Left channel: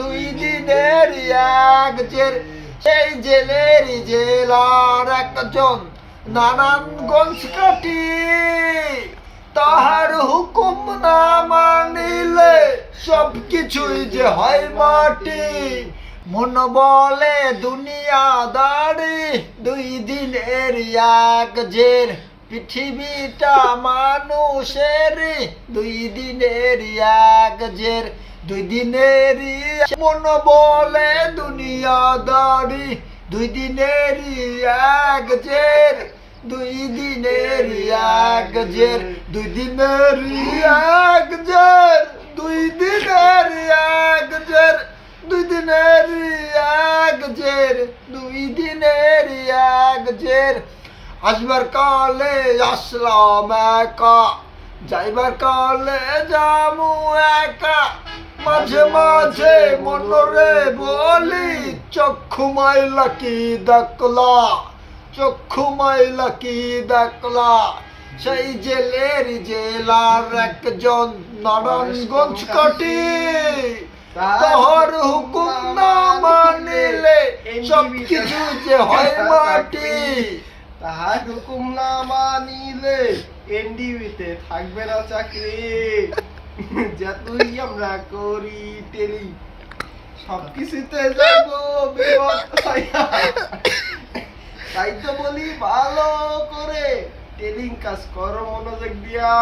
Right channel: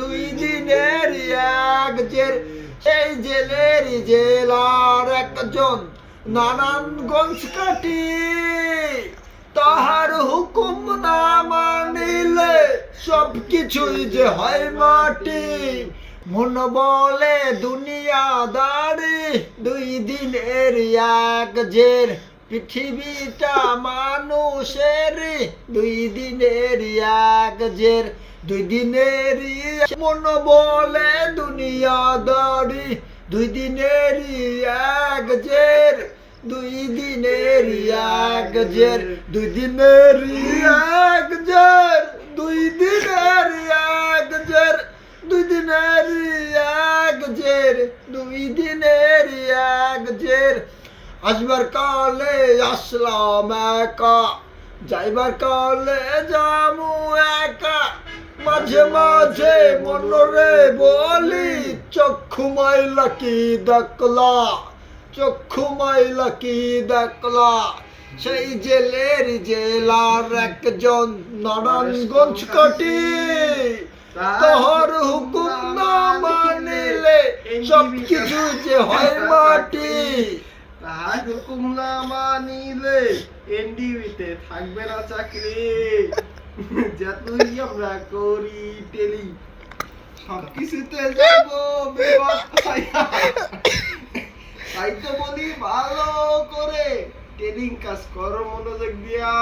দুই দিনের এক জের, সেই জেলের জেলার একজন নারায়ণগঞ্জ কাটি, তাহার হুকুম না মানিলে সব কিছুই যে হয় মাটি। মন বলে দুনিয়াদারি, দুই দিনের এক জের, পৃথিবীটা মানুষের, দুই দিনের এক জের, দুই দিনের। মন বলে দুনিয়াদারি, দুই দিনের এক জের, দুই দিনের এক জের, দুই দিনের এক জের, দুই দিনের এক জের, দুই দিনের এক জের, দুই দিনের এক জের। আসবার কালে আসলাম একা, যাইবার কালে যামু একা, মাঝে মাঝে মনরে বলি চক্ষু মাইলা কি দেখলা, চক্ষু মাইলা কি দেখলা। সেই জেলের জেলার একজন নারায়ণগঞ্জ কাটি, তাহার হুকুম না মানিলে সব কিছু যে হয় মাটি। তাহার হুকুম না মানিলে এনডিবিতে থাকবে না চাকরি। যতই আমরা করি টেলি, সবকিছুতে যাবো বিপদ ছায়া। তাই তো বলি ভালো করে টেলিং কাজ করো মনোযোগ দিয়া।